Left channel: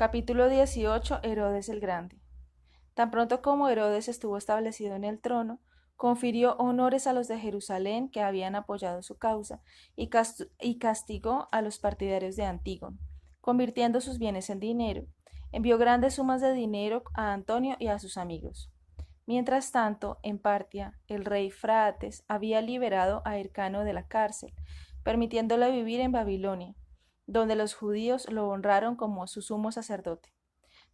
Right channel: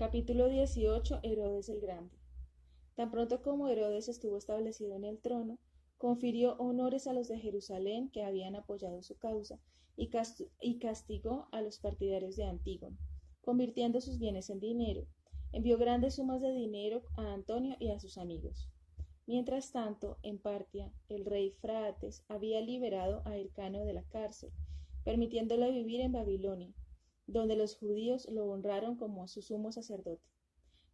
Capítulo 18. Herodes el Grande. Tan pronto como Herodes estuvo establecido en el trono, confirió honores a los de Jerusalén que habían apoyado su causa y castigó a los partidarios de Antígono, convirtiendo sus bienes en dinero. Envió grandes sumas de dinero a Antonio y a sus amigos. Mientras tanto, en Partia, el rey Fraates había liberado a Hircano de la cárcel, permitiéndole vivir en Babilonia, donde los judíos lo honraron como su sumo sacerdote.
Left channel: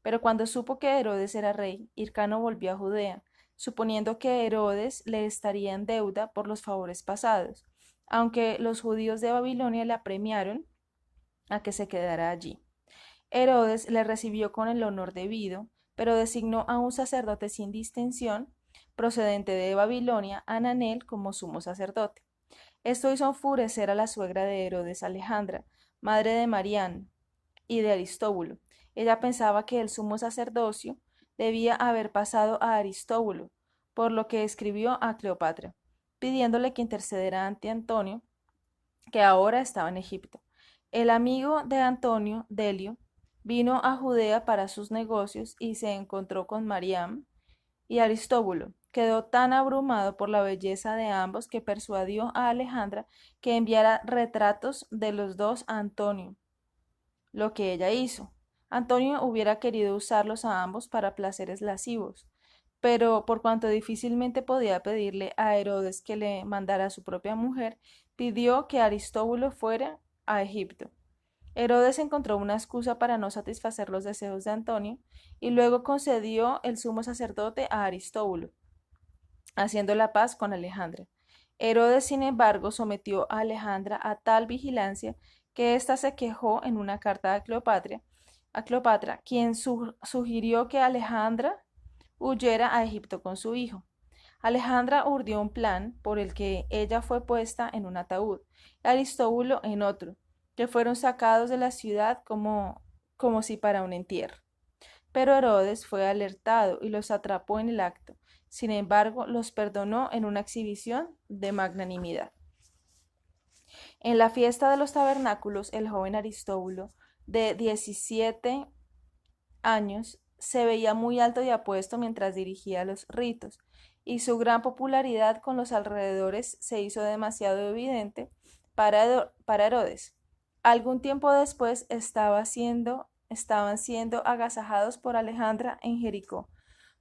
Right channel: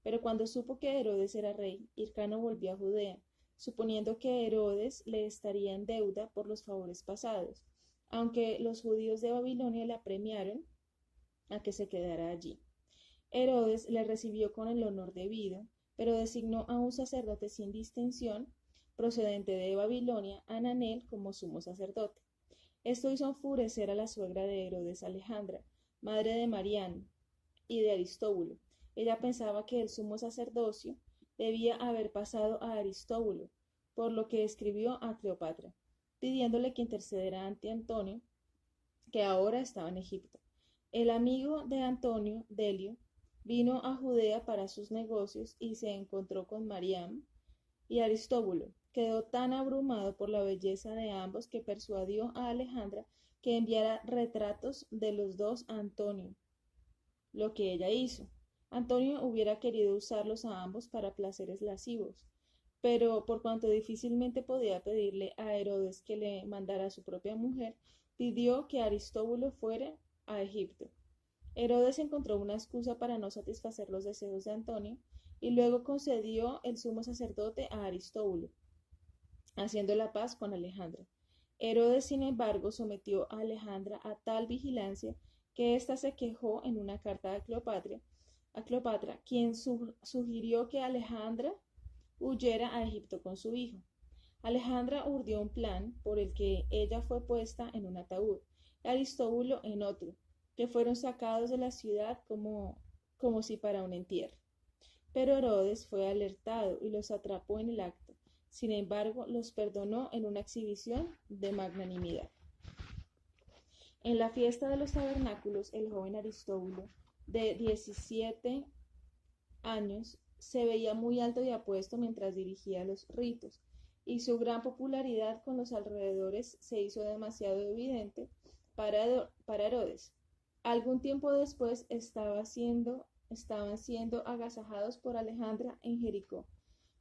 Pero cuando supo que Herodes era rey, Hircano volvió a Judea, suponiendo que Herodes le estaría en deuda por los favores pasados, aunque los judíos de Babilonia le apremiaron a que se quedara allí. Herodes le recibió con el honor debido, pero designó a un sacerdote sin distinción, procedente de Babilonia, Ananel, como sumo sacerdote. Esto hizo enfurecer a la suegra de Herodes, Alejandra, madre de Marián y de Aristóbulo. Ella pensaba que el sumo sacerdocio debía haber pasado a Aristóbulo, por lo que escribió a Cleopatra, pidiéndole que intercediera ante Antonio, que ahora estaba en Egipto. El amigo de Antonio, Delio, vino a Judea para sus negocios y se encontró con Mariam y Aristóbulo. Quedó tan abrumado por la belleza de ambos que persuadió a Alejandra que enviara retratos de los dos a Antonio, lo que ella hizo. Antonio hubiera querido usarlos a ambos para placeres lascivos, pero por cuanto difícilmente podía pedirle a Herodes que le mandara a su propia mujer, pidió que Aristóbulo fuera a Egipto. Herodes encontró una excusa para no satisfacer los deseos de Antonio y luego concedió el sumo sacerdote a Aristóbulo, haciendo la paz con Alejandra. Herodes, sin embargo, sometió a Alejandra a tal vigilancia que ésta se quejó en una carta a Cleopatra, quien sugirió que Alejandra huyera a Egipto con su hijo. Alejandra urdió un plan por el que ella fue puesta en un ataúd, y Aristóbulo en otro, que fueron sacados de la ciudad como si para un entierro. Pero Herodes fue alertado y los atrapó en el acto. Sin embargo, los perdonó en una exhibición de magnanimidad. En la fiesta de los tabernáculos, el joven Aristóbulo, de 17 años, se veía muy alto y apuesto mientras dirigía los ritos, y su gran popularidad con los alrededores se hizo demasiado evidente para Herodes. Algún tiempo después estaban siendo agasajados por Alejandra en Jericó,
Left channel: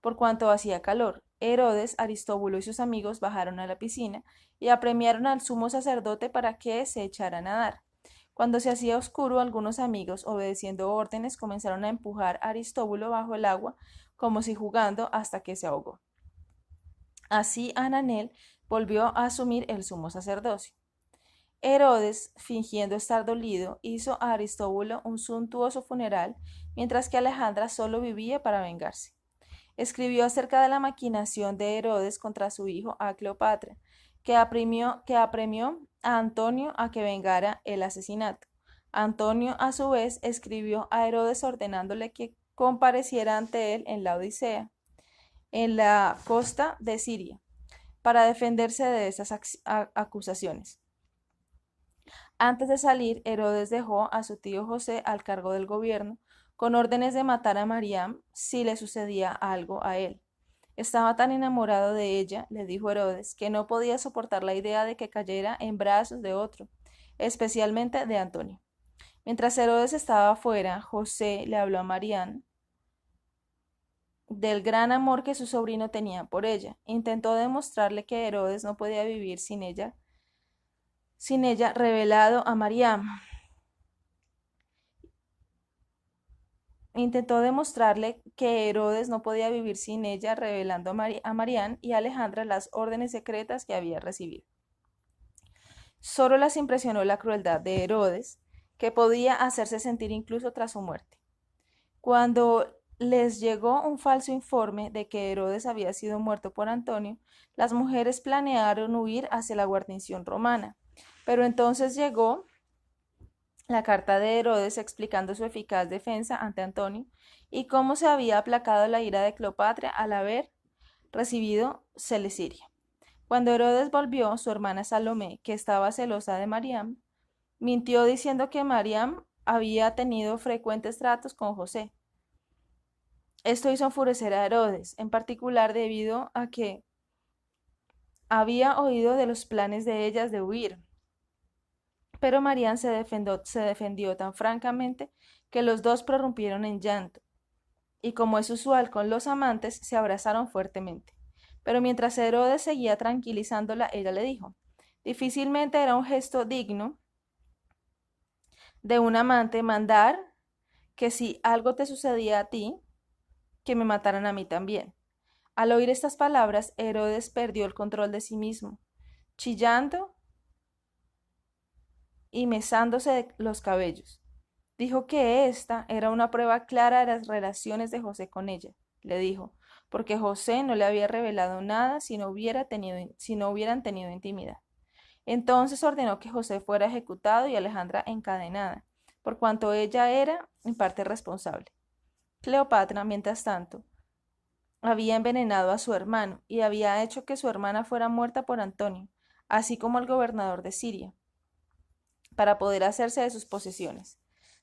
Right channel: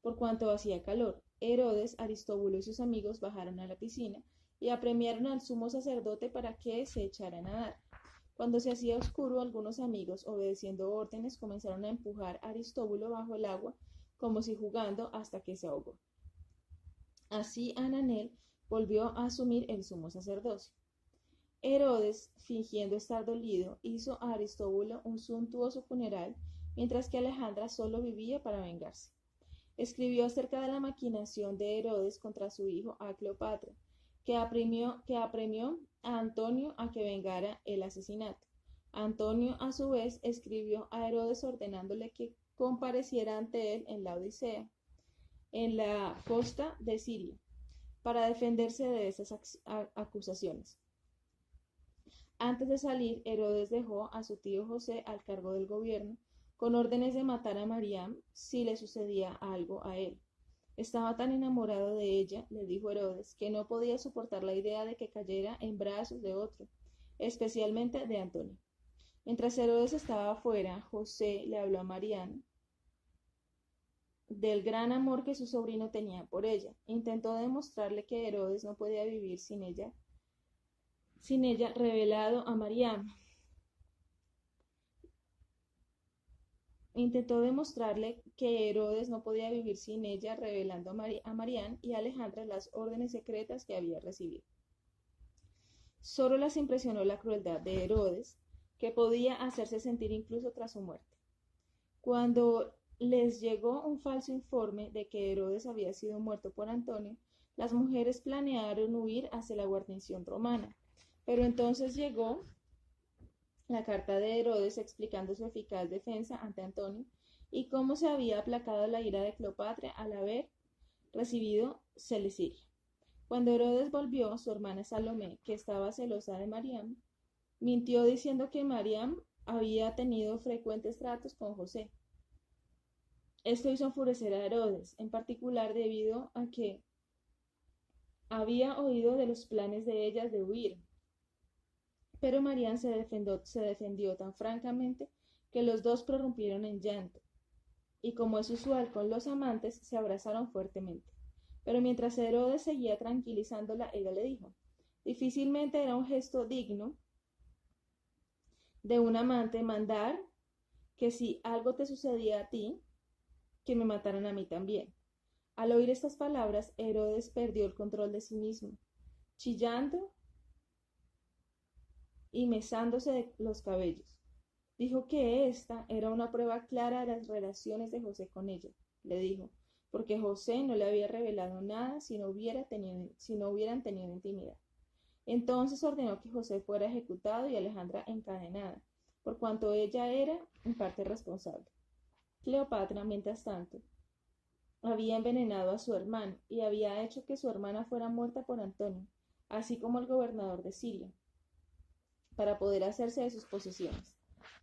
por cuanto hacía calor. Herodes, Aristóbulo y sus amigos bajaron a la piscina y apremiaron al sumo sacerdote para que se echara a nadar. Cuando se hacía oscuro, algunos amigos, obedeciendo órdenes, comenzaron a empujar a Aristóbulo bajo el agua, como si jugando, hasta que se ahogó. Así Ananel volvió a asumir el sumo sacerdocio. Herodes, fingiendo estar dolido, hizo a Aristóbulo un suntuoso funeral, mientras que Alejandra solo vivía para vengarse. Escribió acerca de la maquinación de Herodes contra su hijo a Cleopatra, que apremió a Antonio a que vengara el asesinato. Antonio, a su vez, escribió a Herodes ordenándole que compareciera ante él en la Odisea, en la costa de Siria, para defenderse de esas acusaciones. Antes de salir, Herodes dejó a su tío José al cargo del gobierno, con órdenes de matar a Mariam si le sucedía algo a él. Estaba tan enamorado de ella, le dijo Herodes, que no podía soportar la idea de que cayera en brazos de otro, especialmente de Antonio. Mientras Herodes estaba afuera, José le habló a Mariam del gran amor que su sobrino tenía por ella. Intentó demostrarle que Herodes no podía vivir sin ella revelado a Mariam. Intentó demostrarle que Herodes no podía vivir sin ella, revelando a Marián y a Alejandra las órdenes secretas que había recibido. Solo las impresionó la crueldad de Herodes, que podía hacerse sentir incluso tras su muerte. Cuando les llegó un falso informe de que Herodes había sido muerto por Antonio, las mujeres planearon huir hacia la guarnición romana. Pero entonces llegó la carta de Herodes explicando su eficaz defensa ante Antonio y cómo se había aplacado la ira de Cleopatra al haber recibido Celesiria. Cuando Herodes volvió, su hermana Salomé, que estaba celosa de Mariam, mintió diciendo que Mariam había tenido frecuentes tratos con José. Esto hizo enfurecer a Herodes, en particular debido a que había oído de los planes de ellas de huir. Pero Marián se defendió tan francamente que los dos prorrumpieron en llanto, y como es usual con los amantes, se abrazaron fuertemente. Pero mientras Herodes seguía tranquilizándola, ella le dijo: difícilmente era un gesto digno de un amante mandar que si algo te sucedía a ti, que me mataran a mí también. Al oír estas palabras, Herodes perdió el control de sí mismo, chillando y mesándose los cabellos. Dijo que esta era una prueba clara de las relaciones de José con ella, le dijo, porque José no le había revelado nada si no hubieran tenido intimidad. Entonces ordenó que José fuera ejecutado y Alejandra encadenada, por cuanto ella era en parte responsable. Cleopatra, mientras tanto, había envenenado a su hermano y había hecho que su hermana fuera muerta por Antonio, así como el gobernador de Siria, para poder hacerse de sus posesiones.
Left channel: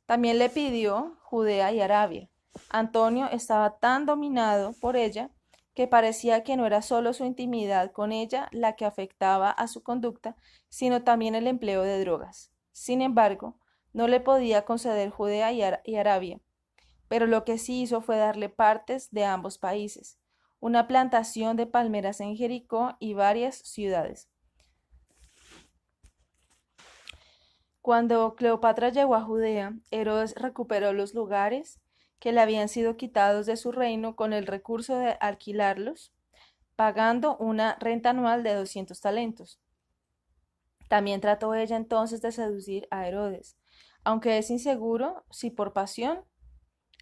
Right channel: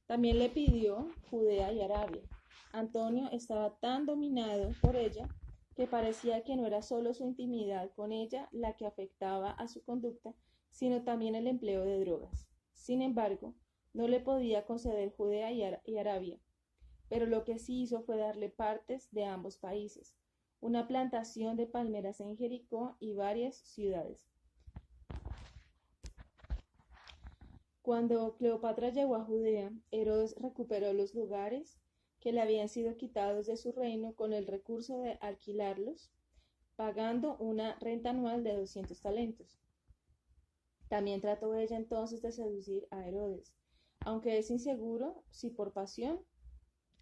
También le pidió Judea y Arabia. Antonio estaba tan dominado por ella que parecía que no era solo su intimidad con ella la que afectaba a su conducta, sino también el empleo de drogas. Sin embargo, no le podía conceder Judea y Arabia, pero lo que sí hizo fue darle partes de ambos países, una plantación de palmeras en Jericó y varias ciudades. Cuando Cleopatra llegó a Judea, Herodes recuperó los lugares que le habían sido quitados de su reino con el recurso de alquilarlos, pagando una renta anual de 200 talentos. También trató ella entonces de seducir a Herodes, aunque es inseguro si por pasión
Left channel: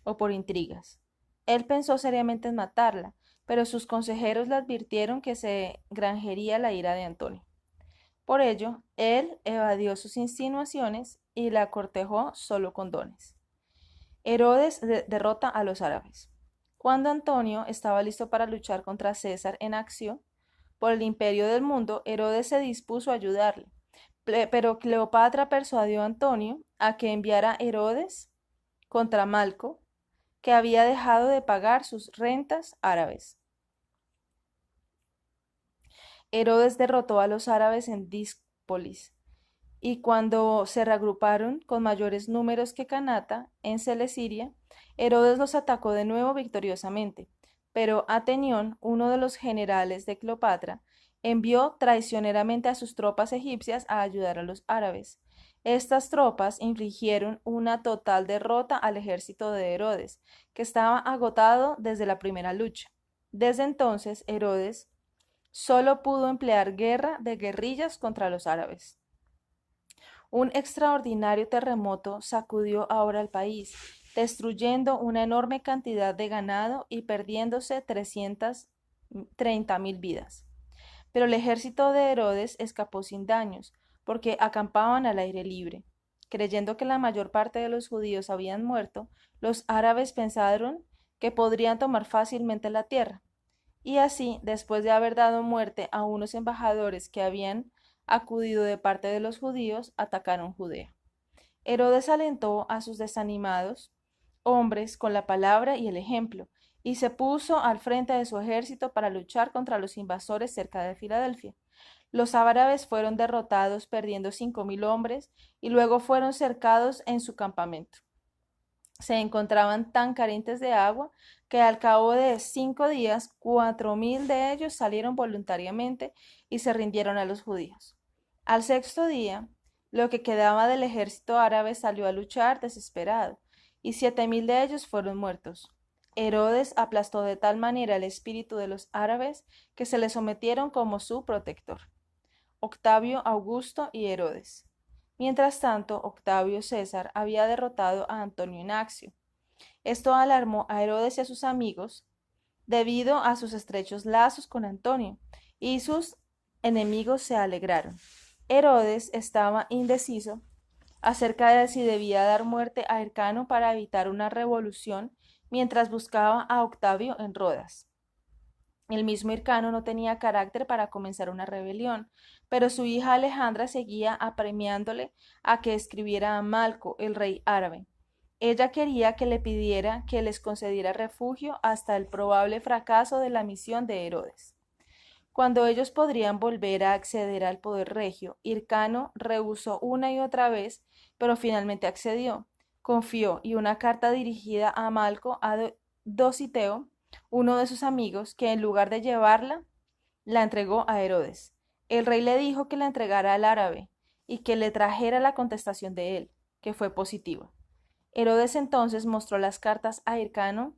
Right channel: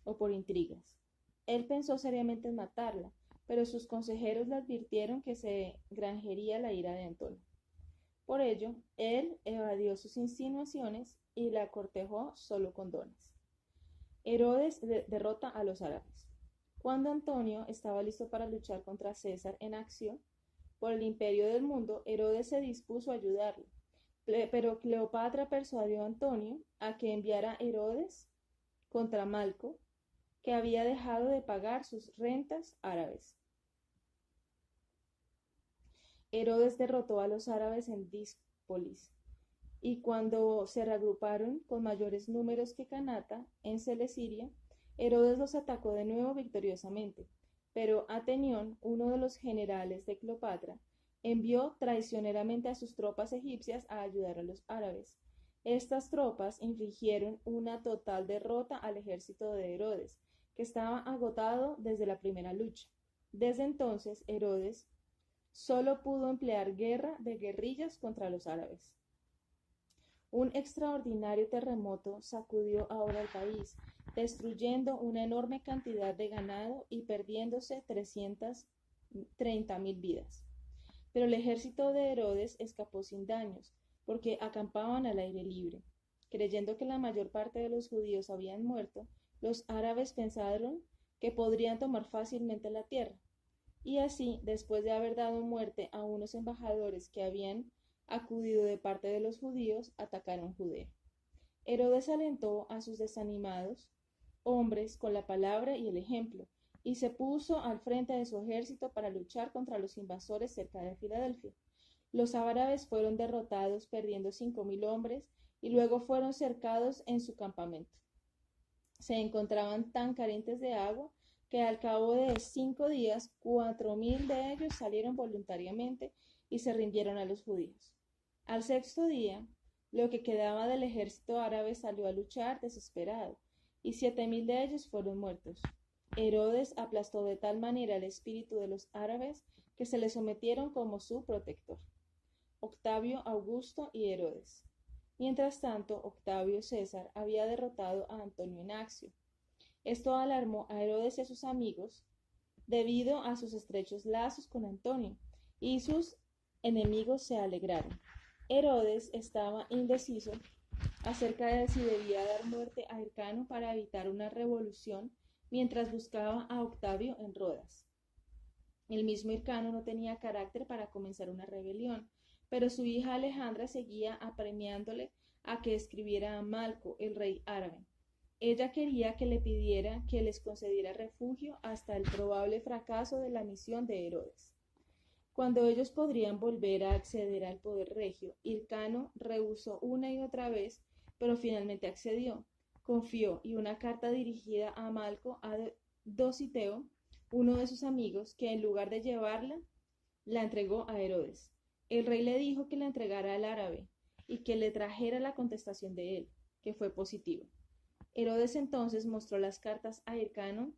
o por intrigas. Él pensó seriamente en matarla, pero sus consejeros le advirtieron que se granjería la ira de Antonio. Por ello, él evadió sus insinuaciones y la cortejó solo con dones. Herodes derrota a los árabes. Cuando Antonio estaba listo para luchar contra César en Accio por el imperio del mundo, Herodes se dispuso a ayudarle, pero Cleopatra persuadió a Antonio a que enviara a Herodes contra Malco, que había dejado de pagar sus rentas árabes. Herodes derrotó a los árabes en Díspolis, y cuando se reagruparon con mayores números que Canata en Celesiria, Herodes los atacó de nuevo victoriosamente, pero Atenión, uno de los generales de Cleopatra, envió traicioneramente a sus tropas egipcias a ayudar a los árabes. Estas tropas infligieron una total derrota al ejército de Herodes, que estaba agotado desde la primera lucha. Desde entonces, Herodes solo pudo emplear guerra de guerrillas contra los árabes. Un extraordinario terremoto sacudió ahora el país, destruyendo una enorme cantidad de ganado y perdiéndose 330.000 vidas. Pero el ejército de Herodes escapó sin daños, porque acampaban al aire libre. Creyendo que la mayor parte de los judíos habían muerto, los árabes pensaron que podrían tomar fácilmente la tierra. Y así, después de haber dado muerte a unos embajadores que habían acudido de parte de los judíos, atacaron Judea. Herodes alentó a sus desanimados hombres con la palabra y el ejemplo, y se puso al frente de su ejército para luchar contra los invasores cerca de Filadelfia. Los árabes fueron derrotados perdiendo 5.000 hombres y luego fueron cercados en su campamento. Se encontraban tan carentes de agua que al cabo de 5 días 4.000 de ellos salieron voluntariamente y se rindieron a los judíos. Al sexto día, lo que quedaba del ejército árabe salió a luchar desesperado, y 7.000 de ellos fueron muertos. Herodes aplastó de tal manera el espíritu de los árabes que se le sometieron como su protector. Octavio, Augusto y Herodes. Mientras tanto, Octavio César había derrotado a Antonio en Accio. Esto alarmó a Herodes y a sus amigos debido a sus estrechos lazos con Antonio, y sus enemigos se alegraron. Herodes estaba indeciso acerca de si debía dar muerte a Hircano para evitar una revolución mientras buscaba a Octavio en Rodas. El mismo Hircano no tenía carácter para comenzar una rebelión, pero su hija Alejandra seguía apremiándole a que escribiera a Malco, el rey árabe. Ella quería que le pidiera que les concediera refugio hasta el probable fracaso de la misión de Herodes. Cuando ellos podrían volver a acceder al poder regio, Hircano rehusó una y otra vez, pero finalmente accedió. Confió y una carta dirigida a Malco a Dositeo, uno de sus amigos, que en lugar de llevarla, la entregó a Herodes. El rey le dijo que la entregara al árabe y que le trajera la contestación de él, que fue positiva. Herodes entonces mostró las cartas a Hircano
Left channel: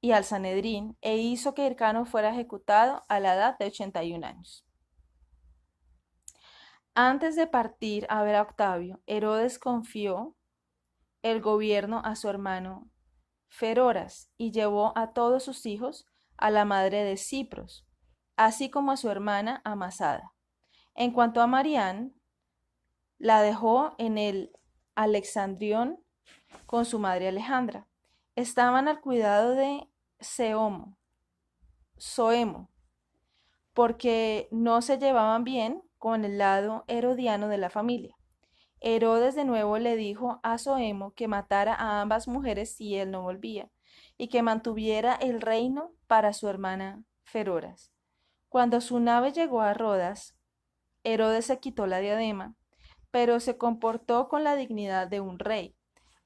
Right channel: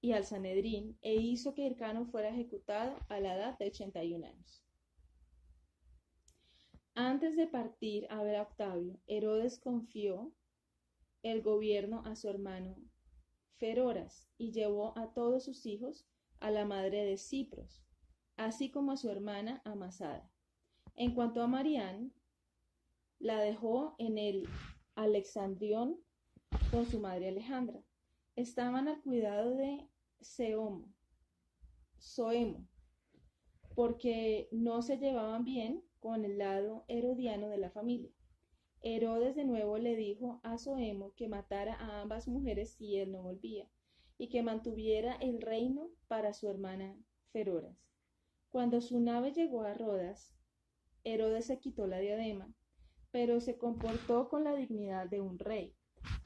y al Sanedrín e hizo que Hircano fuera ejecutado a la edad de 81 años. Antes de partir a ver a Octavio, Herodes confió el gobierno a su hermano Feroras y llevó a todos sus hijos a la madre de Cipros, así como a su hermana Amasada. En cuanto a Marián, la dejó en el Alexandrión con su madre Alejandra. Estaban al cuidado de Soemo, porque no se llevaban bien con el lado herodiano de la familia. Herodes de nuevo le dijo a Soemo que matara a ambas mujeres si él no volvía, y que mantuviera el reino para su hermana Feroras. Cuando su nave llegó a Rodas, Herodes se quitó la diadema, pero se comportó con la dignidad de un rey.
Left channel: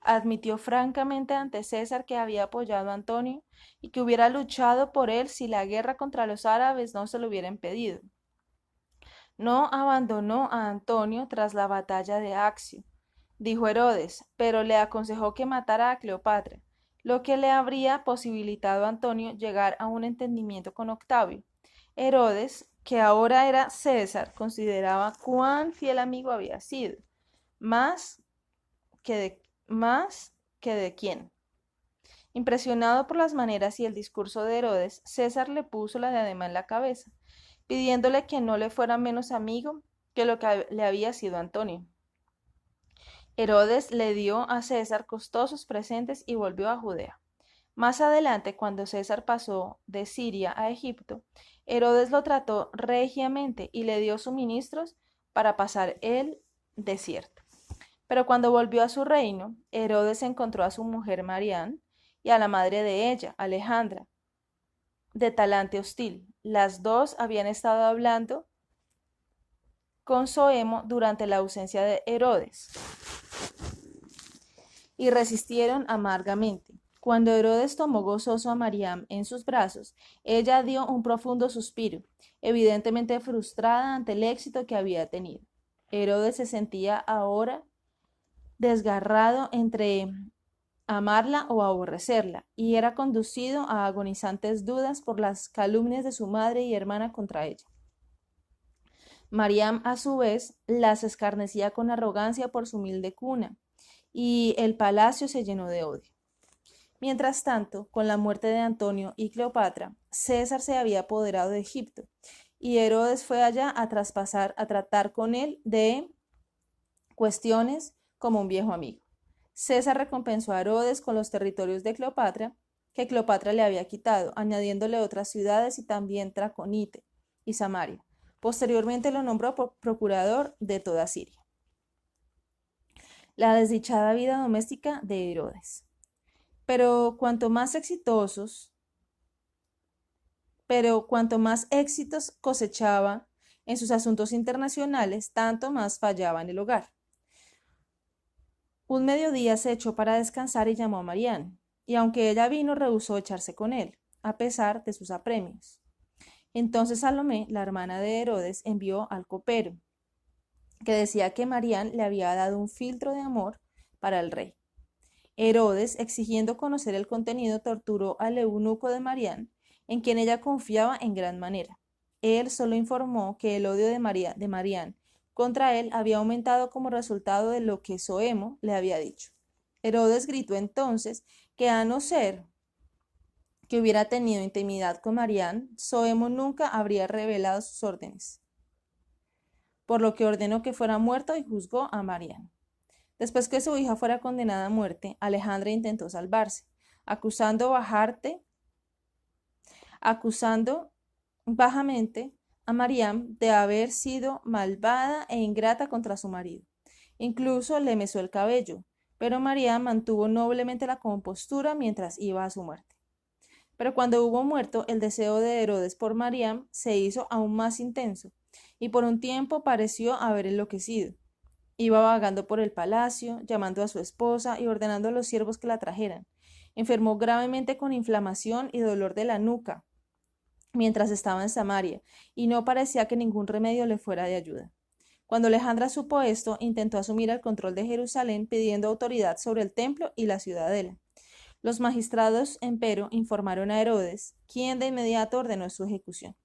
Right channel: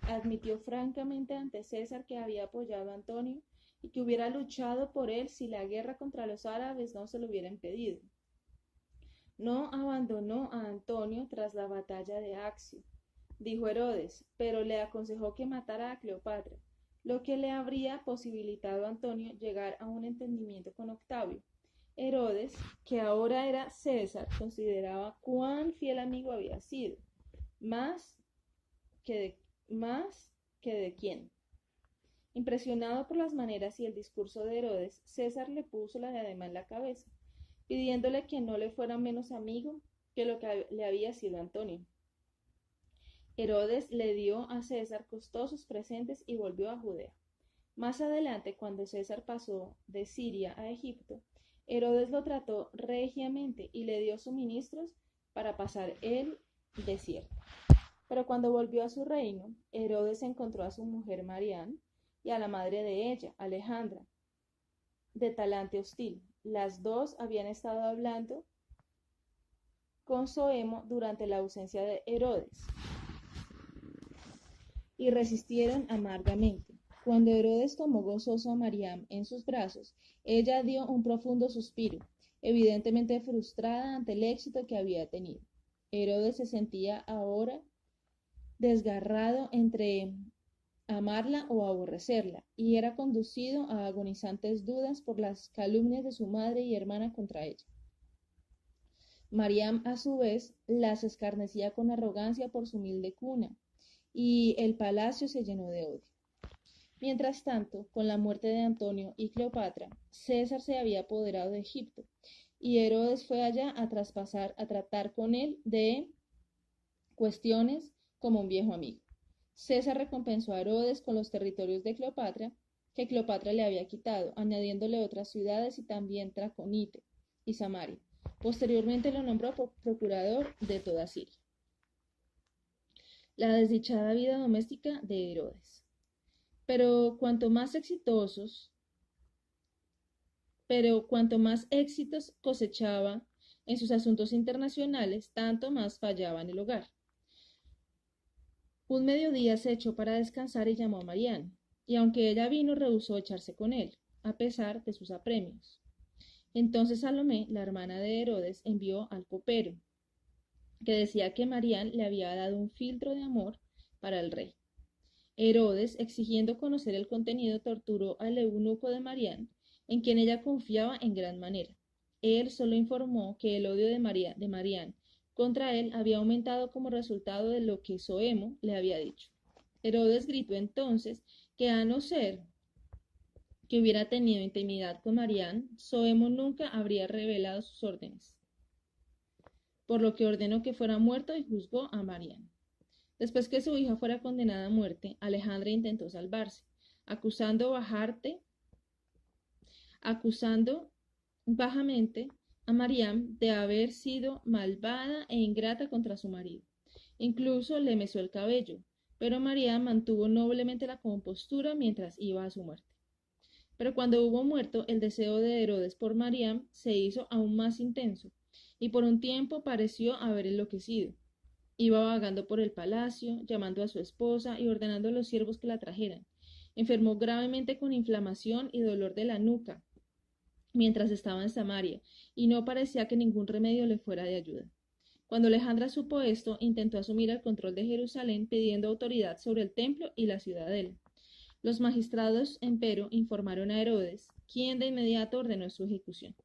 Admitió francamente ante César que había apoyado a Antonio y que hubiera luchado por él si la guerra contra los árabes no se lo hubiera impedido. No abandonó a Antonio tras la batalla de Accio, dijo Herodes, pero le aconsejó que matara a Cleopatra, lo que le habría posibilitado a Antonio llegar a un entendimiento con Octavio. Herodes, que ahora era César, consideraba cuán fiel amigo había sido, más que de quién. Impresionado por las maneras y el discurso de Herodes, César le puso la diadema en la cabeza, pidiéndole que no le fuera menos amigo que lo que le había sido Antonio. Herodes le dio a César costosos presentes y volvió a Judea. Más adelante, cuando César pasó de Siria a Egipto, Herodes lo trató regiamente y le dio suministros para pasar el desierto. Pero cuando volvió a su reino, Herodes encontró a su mujer Marián y a la madre de ella, Alejandra, de talante hostil. Las dos habían estado hablando con Soemo durante la ausencia de Herodes y resistieron amargamente. Cuando Herodes tomó gozoso a Mariam en sus brazos, ella dio un profundo suspiro, evidentemente frustrada ante el éxito que había tenido. Herodes se sentía ahora desgarrado entre amarla o aborrecerla, y era conducido a agonizantes dudas por las calumnias de su madre y hermana contra ella. Mariam, a su vez, las escarnecía con arrogancia por su humilde cuna, y el palacio se llenó de odio. Mientras tanto, con la muerte de Antonio y Cleopatra, César se había apoderado de Egipto, y Herodes fue allá a tratar con él de cuestiones como un viejo amigo. César recompensó a Herodes con los territorios de Cleopatra, que Cleopatra le había quitado, añadiéndole otras ciudades y también Traconite y Samaria. Posteriormente lo nombró procurador de toda Siria. La desdichada vida doméstica de Herodes. Pero cuanto más éxitos cosechaba en sus asuntos internacionales, tanto más fallaba en el hogar. Un mediodía se echó para descansar y llamó a Marián, y aunque ella vino, rehusó echarse con él, a pesar de sus apremios. Entonces Salomé, la hermana de Herodes, envió al copero, que decía que Marián le había dado un filtro de amor para el rey. Herodes, exigiendo conocer el contenido, torturó al eunuco de Marián, en quien ella confiaba en gran manera. Él solo informó que el odio de Marián contra él había aumentado como resultado de lo que Soemo le había dicho. Herodes gritó entonces que a no ser que hubiera tenido intimidad con Marián, Soemo nunca habría revelado sus órdenes, por lo que ordenó que fuera muerto y juzgó a Marián. Después que su hija fuera condenada a muerte, Alejandra intentó salvarse, acusando bajamente a Mariam de haber sido malvada e ingrata contra su marido. Incluso le mesó el cabello, pero Mariam mantuvo noblemente la compostura mientras iba a su muerte. Pero cuando hubo muerto, el deseo de Herodes por Mariam se hizo aún más intenso, y por un tiempo pareció haber enloquecido. Iba vagando por el palacio, llamando a su esposa y ordenando a los siervos que la trajeran. Enfermó gravemente con inflamación y dolor de la nuca mientras estaba en Samaria, y no parecía que ningún remedio le fuera de ayuda. Cuando Alejandra supo esto, intentó asumir el control de Jerusalén pidiendo autoridad sobre el templo y la ciudadela. Los magistrados, empero, informaron a Herodes, quien de inmediato ordenó su ejecución.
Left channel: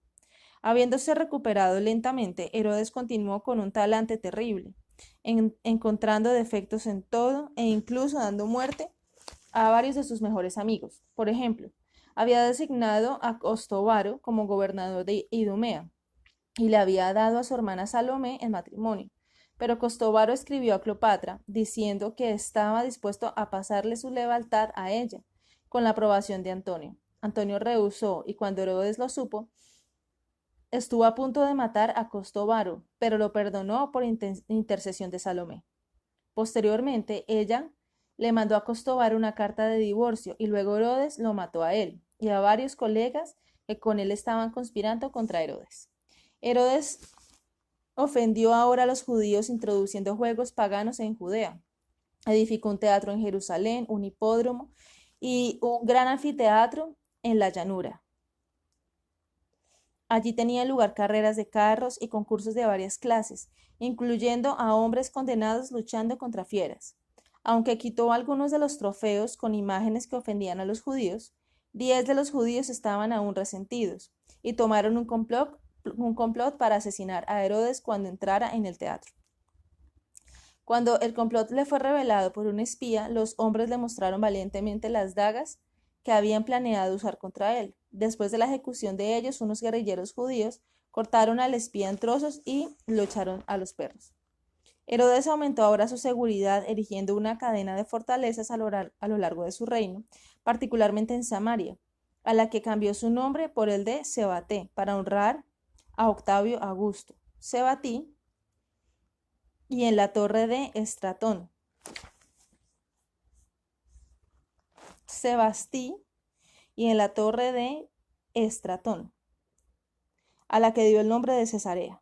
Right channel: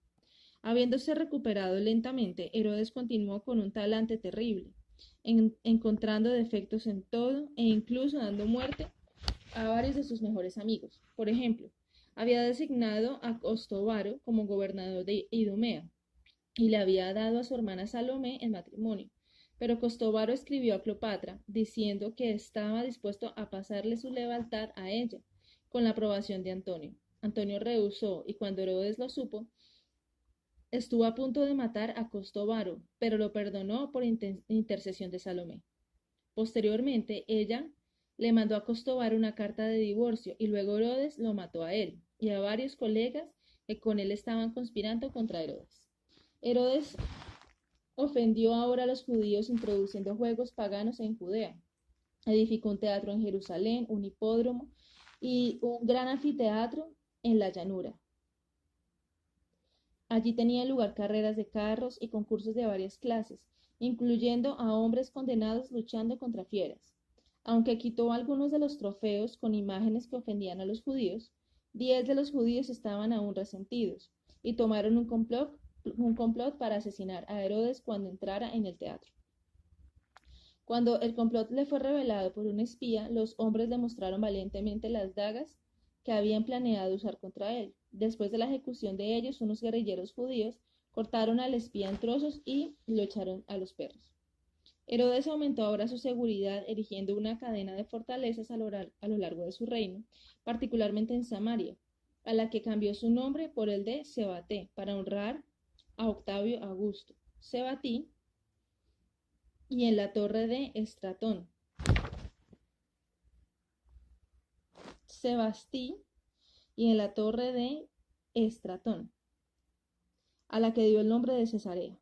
Habiéndose recuperado lentamente, Herodes continuó con un talante terrible, encontrando defectos en todo e incluso dando muerte a varios de sus mejores amigos. Por ejemplo, había designado a Costobaro como gobernador de Idumea y le había dado a su hermana Salomé en matrimonio. Pero Costobaro escribió a Cleopatra diciendo que estaba dispuesto a pasarle su lealtad a ella, con la aprobación de Antonio. Antonio rehusó y cuando Herodes lo supo, estuvo a punto de matar a Costobaro, pero lo perdonó por intercesión de Salomé. Posteriormente, ella le mandó a Costobaro una carta de divorcio y luego Herodes lo mató a él y a varios colegas que con él estaban conspirando contra Herodes. Herodes ofendió ahora a los judíos introduciendo juegos paganos en Judea. Edificó un teatro en Jerusalén, un hipódromo y un gran anfiteatro en la llanura. Allí tenían lugar carreras de carros y concursos de varias clases, incluyendo a hombres condenados luchando contra fieras. Aunque quitó algunos de los trofeos con imágenes que ofendían a los judíos, 10 de los judíos estaban aún resentidos y tomaron un complot para asesinar a Herodes cuando entrara en el teatro. Cuando el complot le fue revelado por un espía, los hombres le mostraron valientemente las dagas que habían planeado usar contra él. Después de la ejecución de ellos, unos guerrilleros judíos cortaron al espía en trozos y lo echaron a los perros. Herodes aumentó ahora su seguridad erigiendo una cadena de fortalezas a lo largo de su reino, particularmente en Samaria, a la que cambió su nombre por el de Sebaté para honrar a Octavio Augusto. Sebatí y en la torre de Estratón. Sebastí y en la torre de Estratón, a la que dio el nombre de Cesarea.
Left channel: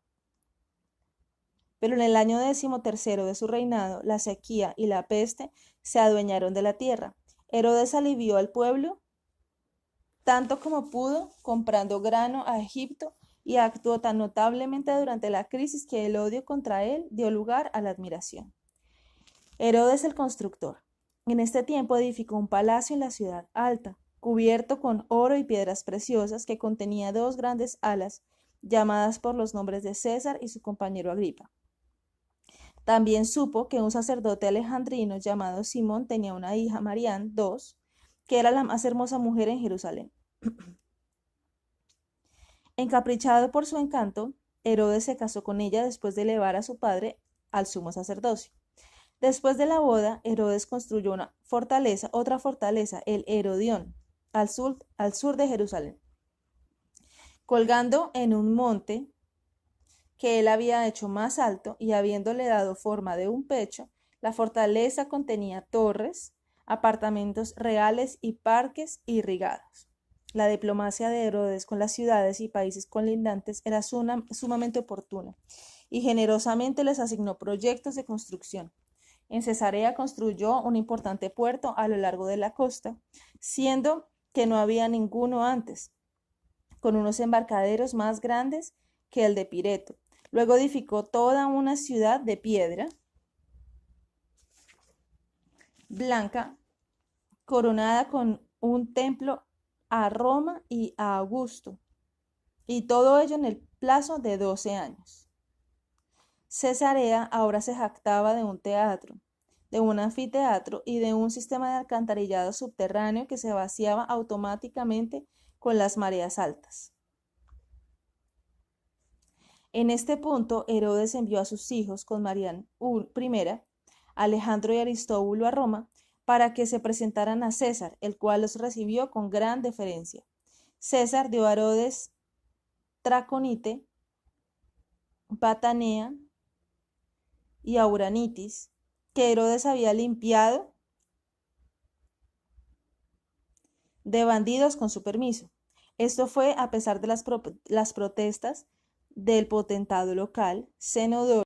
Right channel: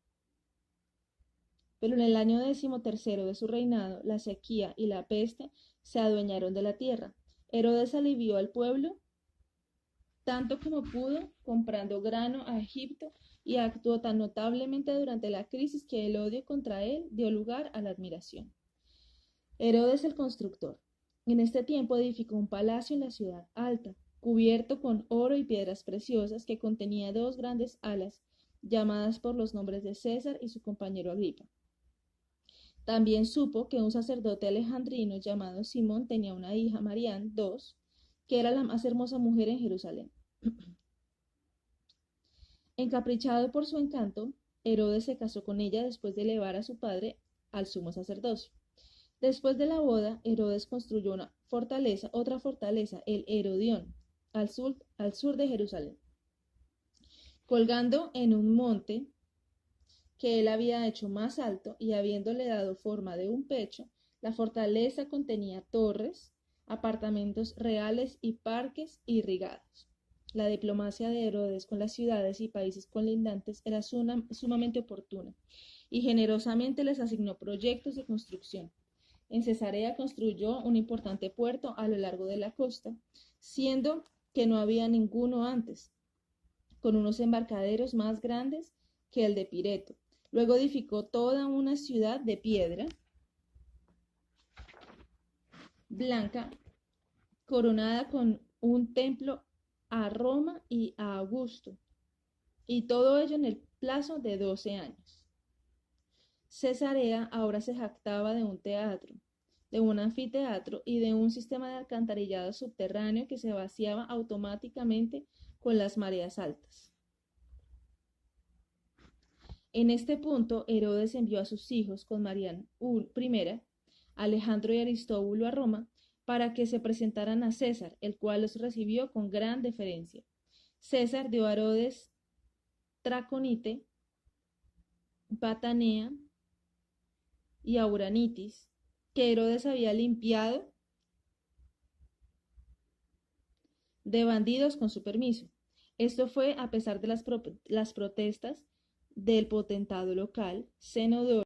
Pero en el año 13º de su reinado, la sequía y la peste se adueñaron de la tierra. Herodes alivió al pueblo tanto como pudo, comprando grano a Egipto, y actuó tan notablemente durante la crisis que el odio contra él dio lugar a la admiración. Herodes el constructor. En este tiempo edificó un palacio en la ciudad alta, cubierto con oro y piedras preciosas, que contenía 2 grandes alas, llamadas por los nombres de César y su compañero Agripa. También supo que un sacerdote alejandrino llamado Simón tenía una hija, Marián II, que era la más hermosa mujer en Jerusalén. Encaprichado por su encanto, Herodes se casó con ella después de elevar a su padre al sumo sacerdocio. Después de la boda, Herodes construyó otra fortaleza, el Herodión, al sur de Jerusalén. Colgando en un monte que él había hecho más alto y habiéndole dado forma de un pecho, la fortaleza contenía torres, apartamentos reales y parques irrigados. La diplomacia de Herodes con las ciudades y países colindantes era sumamente oportuna y generosamente les asignó proyectos de construcción. En Cesarea construyó un importante puerto a lo largo de la costa, siendo que no había ninguno antes, con unos embarcaderos más grandes que el de Pireto. Luego edificó toda una ciudad de piedra blanca, coronada con un templo a Roma y a Augusto, y todo ello en el plazo de 12 años. Cesarea ahora se jactaba de un teatro, de un anfiteatro y de un sistema de alcantarillado subterráneo que se vaciaba automáticamente con las mareas altas. En este punto, Herodes envió a sus hijos con Marián I, Alejandro y Aristóbulo a Roma, para que se presentaran a César, el cual los recibió con gran deferencia. César dio a Herodes Traconite Patanea y Auranitis, que Herodes había limpiado de bandidos con su permiso. Esto fue a pesar de las protestas del potentado local, Zenodoro,